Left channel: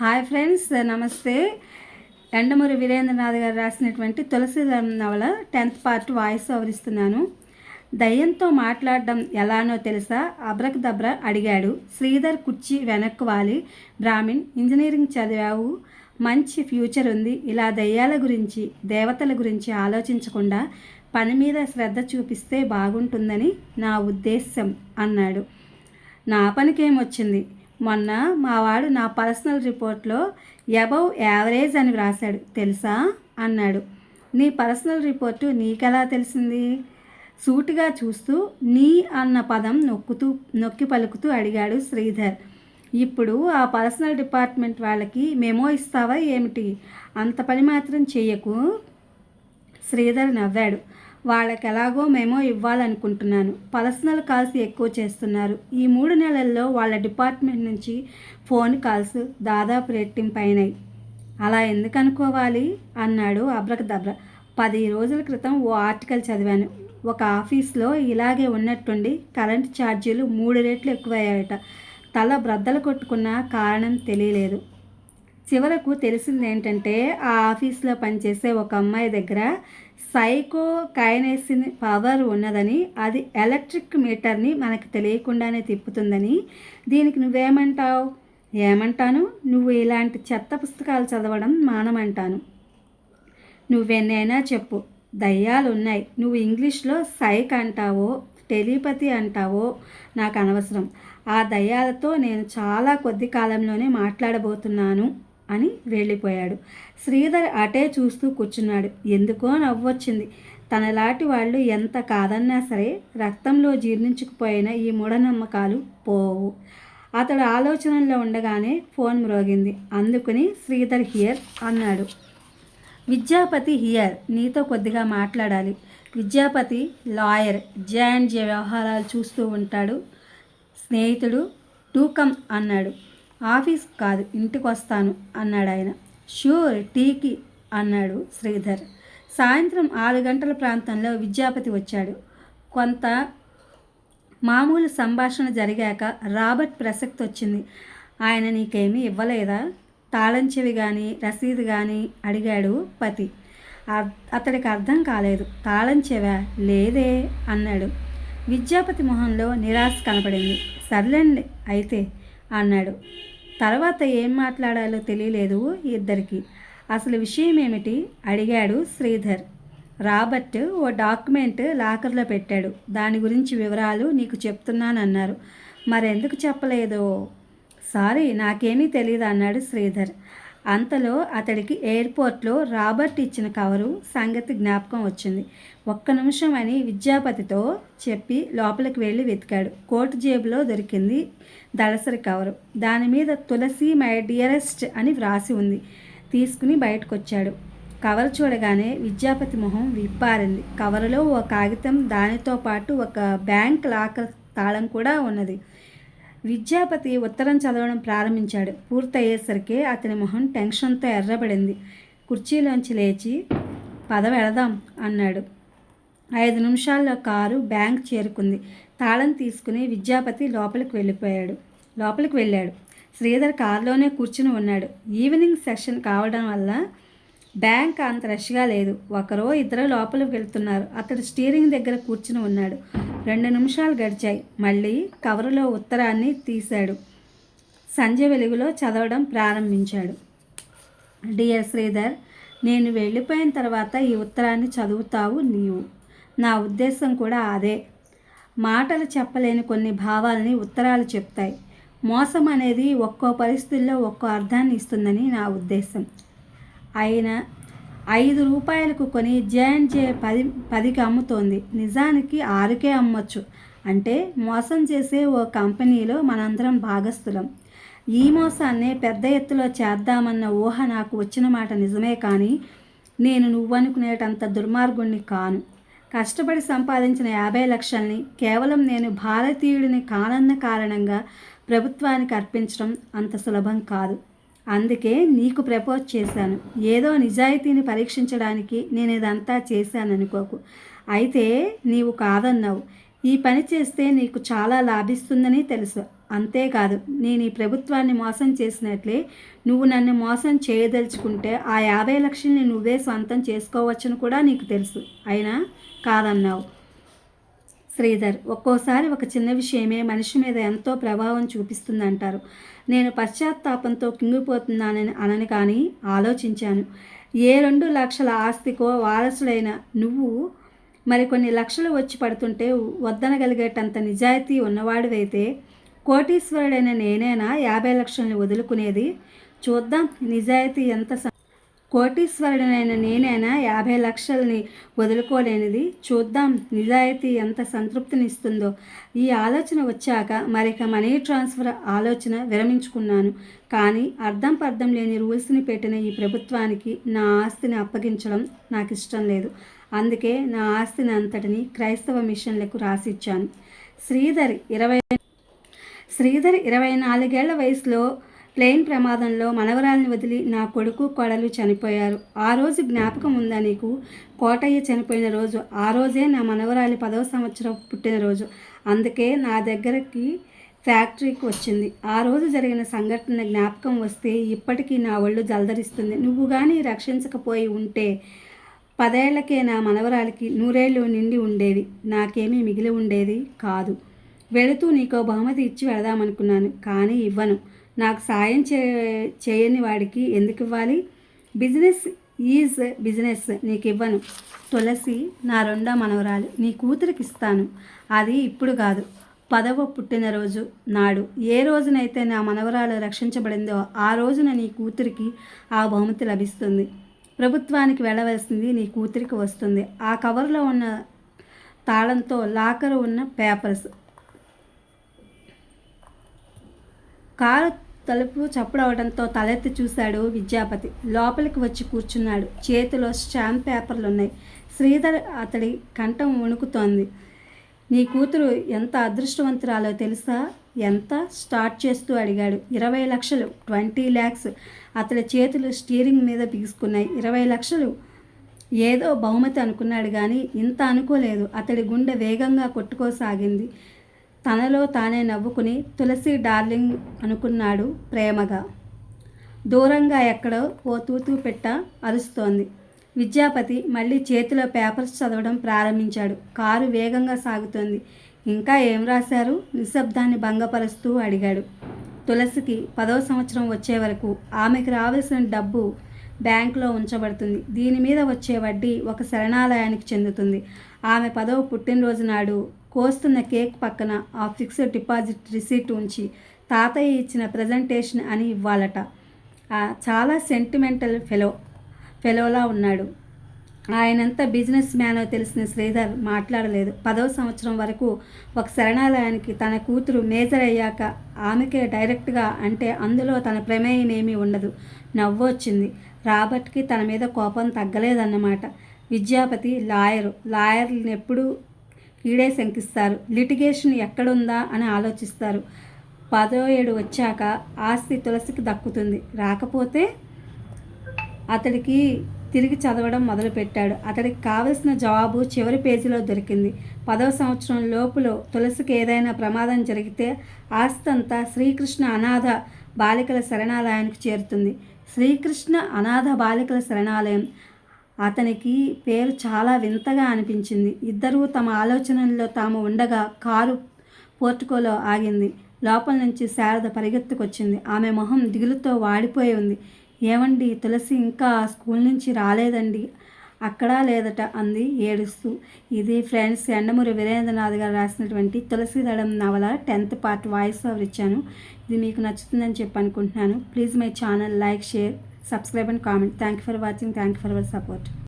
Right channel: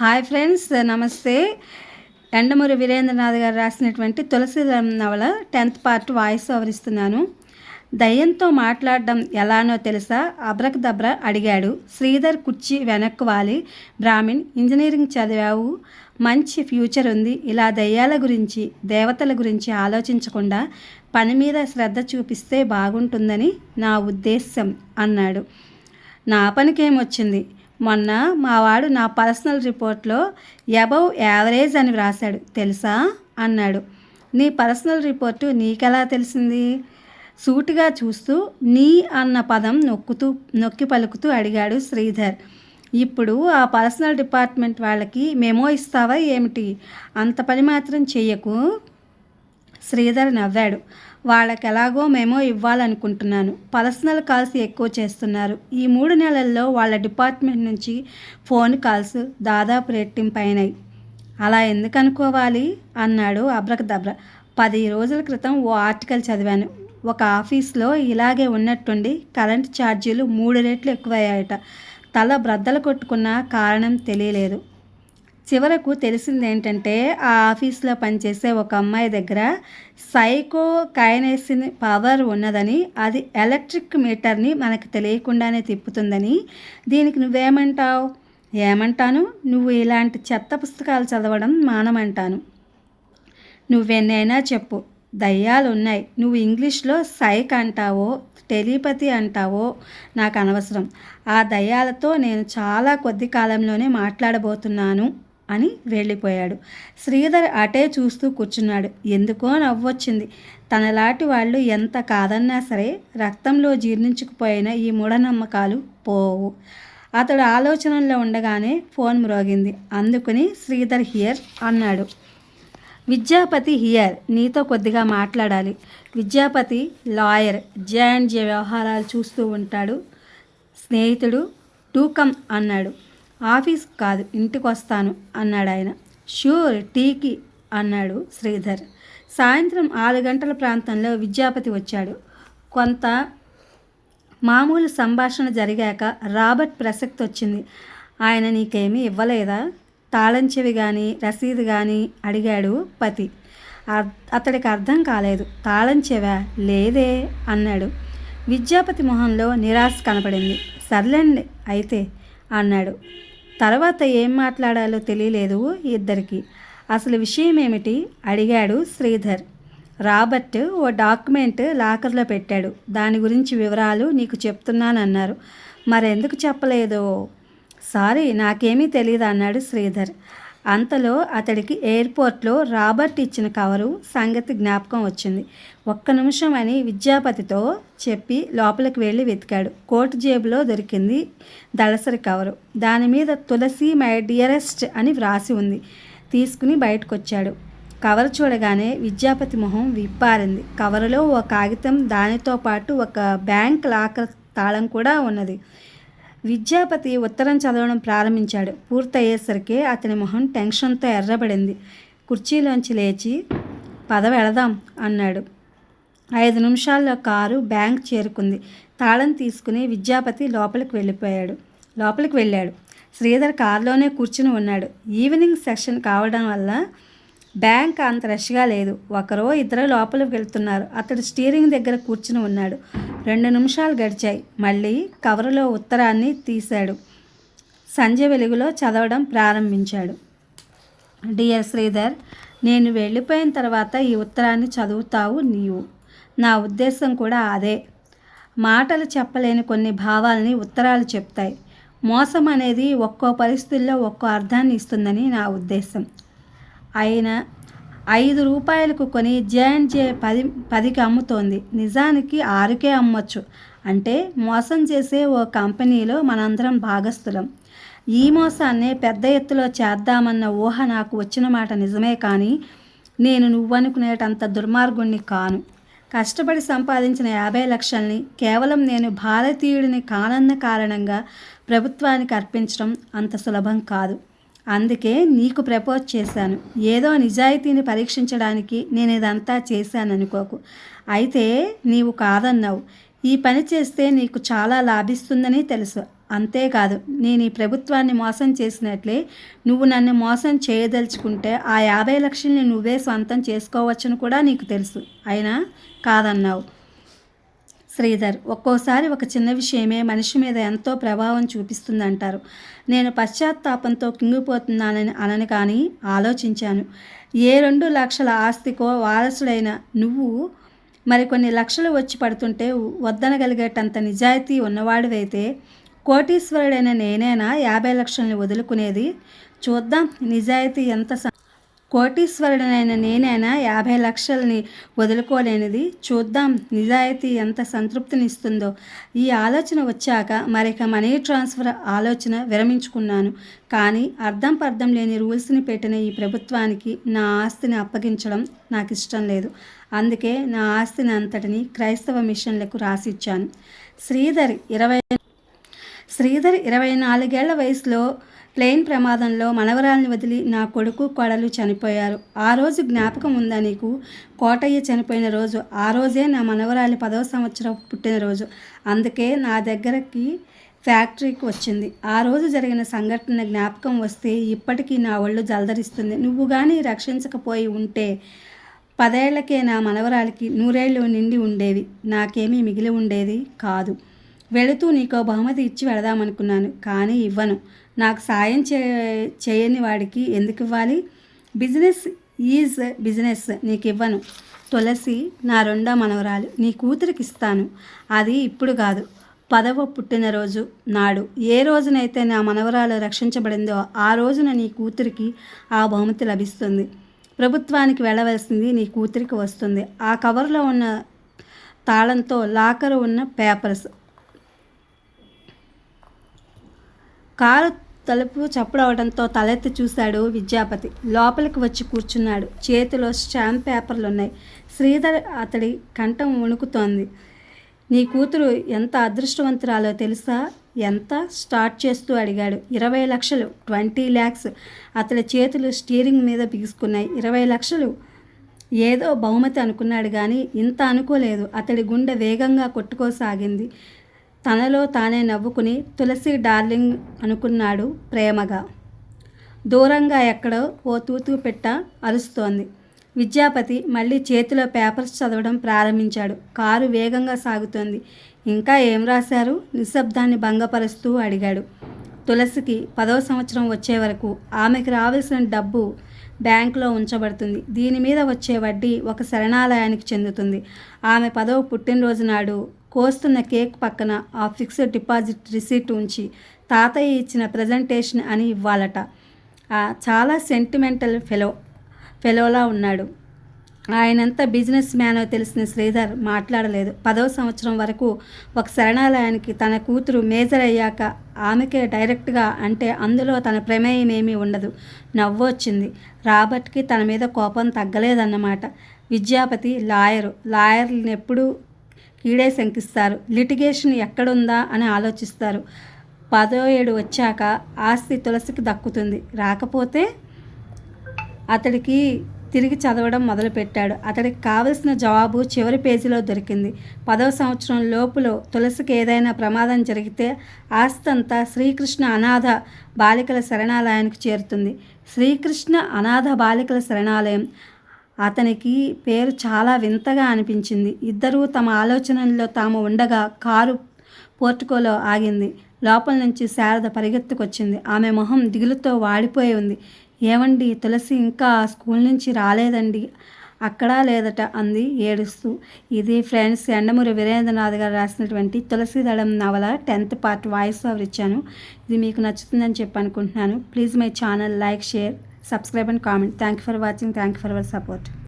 Hi friends నమస్తే ఎండమూరి వీరేంద్రనాథ్ గారు రాసినటువంటి తులసి నవల టెన్త్ పార్ట్ వాయిస్ వివరిస్తున్నాను దయ్యంతో మాట్లాడడం ఎలానో తెలుసా అబ్రక్ దబ్ర అడిగాడు శ్రీధర్ కుర్చీ వెనక్కు వాలి బ్రాహ్మిన్ ఇంజనీరింగ్ చదివావు మంచి ఫ్యూచర్ ఉంది ఇలా దయ్యాల గురించి దేవతల గురించి ఆలోచించకుండా పని మీద శ్రద్ధ చూపిస్తే బాగుంటుందని నా ఉద్దేశం అన్నాడు నా పనికేమొచ్చింది మొన్న మావాడు నా పర్సనల్ రిపోర్ట్లో అబవ్ యావరేజ్ అని వ్రాశాడు తెలుసా అన్నాడు నీ పర్సనల్ రిపోర్టు నీకెలా తెలిసింది సూటిగా చూస్తూ నీ అన్న పదం నొక్కుతూ నొక్కి పలుకుతూ అడిగాడు శ్రీధర్ ఇప్పుడు ఆ పర్సనల్ డిపార్ట్మెంట్ వాళ్ళకి మెమో ఇస్తావా ఏమిటి అంత పని మాత్రం చెయ్యకు శ్రీధర్ నవ్వాడు వాళ్ళకి ఎలాగో మేమో ఇవ్వాలనుకుంటున్నాను పర్సనల్ కాల్స్ ఎక్కువ చేస్తున్నారు ఈ మూడు నెలల్లో వాళ్ళ డిపార్ట్మెంట్ నుంచి ఫోన్ కాల్స్ దాదాపు రెట్టింపైనాయి అలా ఎందుకు అనుకోవాలి అన్నాడు అబ్రకదబ్ర పది రోజుల క్రితం ఓ ఆర్టికల్ చదివాను ఒక ఆఫీస్లో ఇలాగే ఉన్నట్టుండి కరెంటు ఛార్జీలు మూడు రెట్లు ఎక్కువయ్యాయట తల బ్రద్దలు కొట్టుకున్న కారణం తెలియలేదు చివరకు తెలిసింది ఏంటంటే ఆ ఆఫీస్లో పనిచేసే ఒక అమ్మాయి దగ్గర సైకో కైనేసిన్ పవర్ ఉన్నదని అది ఎలక్ట్రిక్ మీటర్ని మనకు తెలియకుండానే తిప్పుతుందని దీనికి నువ్వేమంటావు ఏమంటాను నువ్వు ఇలాంటి చెత్త పుస్తకాలు చదవడం మానమంటాను నువ్వెన్నైనా చెప్పు దయ్యాలు ఉన్నాయి నువ్వు ఇంగ్లీష్లో సైక్ అంటావో టెలిపతి అంటావో నాకు అనవసరం ఆ దయ్యాలతో నేను చాలా కొద్ది కాలంలోనే మాట్లాడబోతున్నాను అని వెళ్ళిపోయాడు శ్రీధర్ అటే చూస్తూ కూర్చున్నాడు ఎందుకో నవ్వొచ్చింది తనలాంటి వాళ్ళు ఎంత కాదన్నా సరే రక్తంలో జీర్ణించుకుపోయిన ఈ మూఢనమ్మకాలు పోవు అతడు ఆలోచనల్లో ఉండగానే ఫోన్ మ్రోగింది అందుకుని శ్రీధర్ హియర్ అన్నాడు విద్యాపతి హియర్ నీతో కొద్దిగా మాట్లాడాలి Vidyapati lawyer J and J వ్యవహారాలు చూస్తూ ఉంటాడు స్నేహితుడు టూకమ్ అన్నాడు ఆఫీస్ కాదు ఇంటికి వస్తాను అన్నాడు ఆయన ష్యూర్ టీకి అన్నాడు శ్రీధర్ సాయంత్రం ఆరు గంటల ప్రాంతంలో విద్యాపతి వచ్చాడు కొంత మామూలు సంభాషణ జరిగాక రాబర్ట్ ప్రసక్తి వచ్చింది ఆయన నీకేమీ ఇవ్వలేదా తాళం చెవి కానీ రసీదు కానీ అడిగాడు పతి అతడికి అర్థం కాలేదు తాళం లేదే అన్నాడు విద్యాపతి మొహంలో నిరాశ కనపడింది సర్లేండి అయితే అన్నాడు తర్వాత ఏం మాట్లాడాలో తెలియలేదు ఇద్దరికి అసలు విషయం ఏమిటి అడిగాడు శ్రీధర్ రాబర్ట్ ఓ డాక్యుమెంట్ లాకర్లో పెట్టాడు దాని గురించి వివరాలు నీకు చెప్తున్నానన్నారు మరెందుకు చెప్పలేదో సారీ నాకేమీ తెలియదు అన్నాడు శ్రీధర్ అంతలో అతడికి ఎయిర్పోర్ట్లో రాబర్ట్ ఇచ్చిన కవరు సంగతి జ్ఞాపకం వచ్చింది ఒక్క నిమిషం అని విద్యాపతితో చెప్పి లోపలికి వెళ్ళి వెతికాడు కోటు జేబులో దొరికింది దళసరి కవరు దాని మీద తులసి మై డియరెస్ట్ అని వ్రాసి ఉంది తీసుకుని బయటకు వచ్చాడు కవర్ చూడగానే విద్యాపతి మొహం విప్పారింది కవరులో ఓ కాగితం దానితో పాటు ఒక బ్యాంక్ లాకర్ తాళం కూడా ఉన్నది విద్యాపతి ఉత్తరం చదవడం ప్రారంభించాడు పూర్తయ్యేసరికి అతని మొహం టెన్షన్తో ఎర్రబడింది కుర్చీలోంచి లేచి పద వెళదాం అన్నాడు ఐదు నిమిషాల్లో కారు బ్యాంక్ చేరుకుంది తాళం తీసుకుని విద్యాపతి లోపలికి వెళ్ళిపోయాడు లోపలికి వెళ్ళాడు శ్రీధర్ కారులోనే కూర్చుని ఉన్నాడు ఈవినింగ్ సెషన్ కావడం వల్ల బ్యాంక్ అంత రష్గా లేదు ఒకరో ఇద్దరు లోపలికి వెళ్తున్నారు అతడు స్టీరింగ్ దగ్గర కూర్చుని ఉన్నాడు రెండు నిమిషాలు గడిచాయి మళ్ళీ కవరులో ఉత్తరాన్ని తీశాడు సంజ వెలుగులో చదవడం ప్రారంభించాడు డియర్ శ్రీధర్ నేను వెళ్ళిపోయిన తర్వాత ఈ ఉత్తరాన్ని చదువుతావు నీవు నా ఉద్దేశం కూడా అదే మాటలు చెప్పలేని కొన్ని భావాల్ని ఉత్తరాలు చెప్తాయి మోసం అనేది ఒక్కో పరిస్థితుల్లో ఒక్కో అర్థాన్ని ఇస్తుందని నా ఉద్దేశం అయినా ఐదు రూపాయలకు కొని జే పది పదికి అమ్ముతోంది నిజానికి ఆరుకే అమ్మొచ్చు అంటే మోసం చేసే ఓ కంపెనీలో మనందరం భాగస్థులం ఈ మోసాన్నే పెద్ద ఎత్తులో చేద్దామన్న ఊహ నాకు వచ్చిన మాట నిజమే కానీ నేను నువ్వనుకునేటంత దుర్మార్గుణ్ణి కాను కష్టపడి సంపాదించిన యాభై లక్షల్ని కేవలం నేను భారతీయుడిని కానన్న కారణంగా ప్రభుత్వానికి అర్పించడం అంత సులభం కాదు అందుకే నీకు ప్రపోజ్ చేశాను ఏదో నిజాయితీని పరీక్షించడానికి నేను ఇదంతా చేశాను అనుకోకు అయితే నీవు కాదన్నావు ఈ పని చేస్తే నీకు చాలా లాభిస్తుందని తెలుసు అంతేకాదు నేను ఈ ప్రభుత్వాన్ని మోసం చేసినట్లే నువ్వు నన్ను మోసం చేయదలుచుకుంటే ఆ యాభై లక్షల్ని నువ్వే సొంతం చేసుకోవచ్చని కూడా నీకు తెలుసు అయినా కాదన్నావు శ్రీధర్ ఒక్కోసారి ఒక చిన్న విషయమే మనిషి మీద ఎంతో ప్రభావం చూపిస్తుందంటారు నేను పశ్చాత్తాపంతో కింగిపోతున్నానని అనని కానీ ఆలోచించాను ఏ రెండు లక్షల ఆస్తికో వారసుడైన నువ్వు మరికొన్ని లక్షలు వచ్చి పడుతుంటే వద్దనగలిగేటంత నిజాయితీ ఉన్నవాడివైతే కోటీశ్వరుడైన నేనేనా యాభై లక్షల్ని వదులుకునేది చూద్దాం నిజాయితీ ఎంత కోటీశ్వరుడనైన నేనైనా యాభై లక్షల్ని వదులుకోలేనిది చూద్దాం నిజాయితీ ఎంత సంతృప్తినిస్తుందో ఈ ఆలోచన వచ్చాక మరిక మనీ ట్రాన్స్ఫర్ ఆలోచన విరమించుకున్నాను కానీ అర్థం పర్థం లేని రూల్స్ని పెట్టిన ఈ ప్రభుత్వానికి నా ఆస్తిని అప్పగించడం నాకు ఇష్టం లేదు అందుకే నా ఆస్తిని అంతటిని క్రైస్తవ మిషన్లకు రాసిచ్చాను శ్రీధర్ ఇరవై శ్రీధర్ ఇరవై నాలుగేళ్ల వయసులో ప్లేన్ ప్రమాదంలో మనవరాల్ని వదిలి నా కొడుకు కోడలు చనిపోయారు ఆ రోజు జ్ఞాపకం ఉందా నీకు కోటయ్య చనిపోయిన రోజు ఆ రోజే నా మనవరాలి పదవ సంవత్సరం పుట్టినరోజు అందుకే నా దగ్గరకి ఫ్యాక్టరీకి వచ్చింది ఆ రోజు జరిగిన సంఘటన జ్ఞాపకం వస్తే ఇప్పటికీ నా ఒళ్ళు జలదరిస్తుంది నువ్వు కానీ రక్షించకపోయి ఉంటే పదేళ్లకే నా మనవరాలికి నూరేళ్ళు నిండి ఉండేవి నాకేమీ మిగిలి ఉండేది కాదు వెళుతూ నీకో బహుమతి ఇచ్చి వెళదామనుకున్నాను కానీ ఇవ్వను నాకు సాయం చే చేయని వాడికి ఎందుకు ఇవ్వాలి బిజినెస్ ఈజ్ బిజినెస్ నీకు ఇవ్వను తులసి నా రెండో మనవరాలు నీ కూతురికి ఇస్తాను అది ఇప్పుడు కాదు పదవ పుట్టినరోజు నాడు ఏ రోజునైతే నా మనవరాలు రక్షించబడిందో ఆ రోజున నీ కూతురికి ఆ బహుమతి లభిస్తుంది ప్రభుత్వానికి వెళ్ళవలసింది నీ కూతురికి వస్తుంది ఆ కవర్లో ఉన్న తాళంతో లాకర్ ఉన్న పేపర్స్ కారు తలుపు చప్పుడవడంతో తలెత్తి చూశాడు విద్యాపతి లోపలికి వచ్చి కూర్చున్నాడు చేతిలో స్టాంప్ పేపర్లు ఉన్నాయి శ్రీధర్ అతడి కంఠం వణుకుతోంది నీ కూతురు ఎంత అదృష్టవంతురాలో తెలుసా ఎంత స్టార్ట్ చేస్తూ అడిగాడు ఇరవై లక్షలు ట్వంటీ ల్యాక్స్ అతడి చేతులు స్టీరింగ్ మీద బిగుసుకున్నాయి ఇరవై లక్షలు ఏదో బహుమతి అనుకున్నాడు కానీ ఇంత అనుకోలేదు అతడి గుండె వేగంగా కొట్టుకోసాగింది తనలో తానే నవ్వుకుని తులసి డార్లింగ్ అనుకున్నాడు ప్రేమగా దూరంగా ఎక్కడో ఓ తూతు పెట్ట అరుస్తోంది విద్యాపతి మళ్ళీ చేతిలో పేపర్స్ చదవడం ప్రారంభించాడు కారు వేగంగా సాగుతోంది ఇంకా ఏం రాశారు నిశ్శబ్దాన్ని భంగపరుస్తూ అడిగాడు తులసికి పదవ సంవత్సరం వచ్చే వరకు ఆమెకు రావాల్సిన డబ్బు బ్యాంకులో ఉంచబడుతుంది దీని మీద వచ్చే వడ్డీ ఒక శరణాలయానికి చెందుతుంది ఆమె పదవ పుట్టినరోజు నాడు కోస్తున్న కేక్ పక్కన ఆ ఫిక్స్డ్ డిపాజిట్ రిసీట్ ఉంచి తాతయ్య ఇచ్చిన ప్రజెంటేషన్ అని ఇవ్వాలట చాలా సెంటిమెంటల్ ఫెలో ఫెలోలా ఉన్నాడు ఆయనంత బిజినెస్ మ్యాన్ తెలిసిన శ్రీధర్ మాట్లాడలేదు పదవ సంవత్సరం వరకు ఒక శరణాలయానికి తన కూతురు మేజర్ అయ్యాక ఆమెకే డైరెక్ట్గా అంటే అందులో తన ప్రమేయం ఉండదు ఉండదు వచ్చింది రాబర్ట్కి తన మీద కోపం తగ్గలేదన్నమాట విద్యాపతి లాయరు లాయర్లను ఎప్పుడూ కీడే శంకిస్తారు లిటిగేషన్ ఎక్కడుందా అని ఆలోచిస్తారు పదో ఏడు వచ్చాక ఆస్తి తులసికి దక్కుతుంది రాకపోతే అతడికి తిరిగి చదవడం మొదలుపెట్టాడు అతడికి కావలసిన జవాబు చివరి పేజీలో దొరికింది పదవ సంవత్సరం లోపులో తులసికి ఏదైనా ప్రమాదం జరిగితే ఆస్తి అంతా శ్రీకృష్ణ అనాథ బాలికల శరణాలయానికి చేరుతుంది శ్రీకృష్ణ అనాథ బాలికల శరణాలయం అతనికి పేరు చాలా వింతగా అనిపించింది ఇద్దరూ తమ ఆలోచనల్లో తాము ఉండగా కారు పోర్టుకోలో ఆగింది లోపల నుంచి శారద పరిగెత్తుకొచ్చింది ఆమె మొహం దిగులుతో వాడిపోయి ఉంది ఏమండి తులసి ఇంకా స్కూల్ నుంచి రాలేదండి అక్కడా లేదట అంది ఏడుస్తూ ఇది ఫ్రెండ్స్ ఎండమూరి వీరేంద్రనాథ్ గారు రాసినటువంటి తులసి దళం నవల టెన్త్ పార్ట్ వాయిస్ ఓవర్ ఇచ్చాను ఇది మీకు నచ్చుతుందని చెప్పి అనుకుంటున్నాను please my channel like share subscribe and comment. Thank you for watching. Thank you for your support.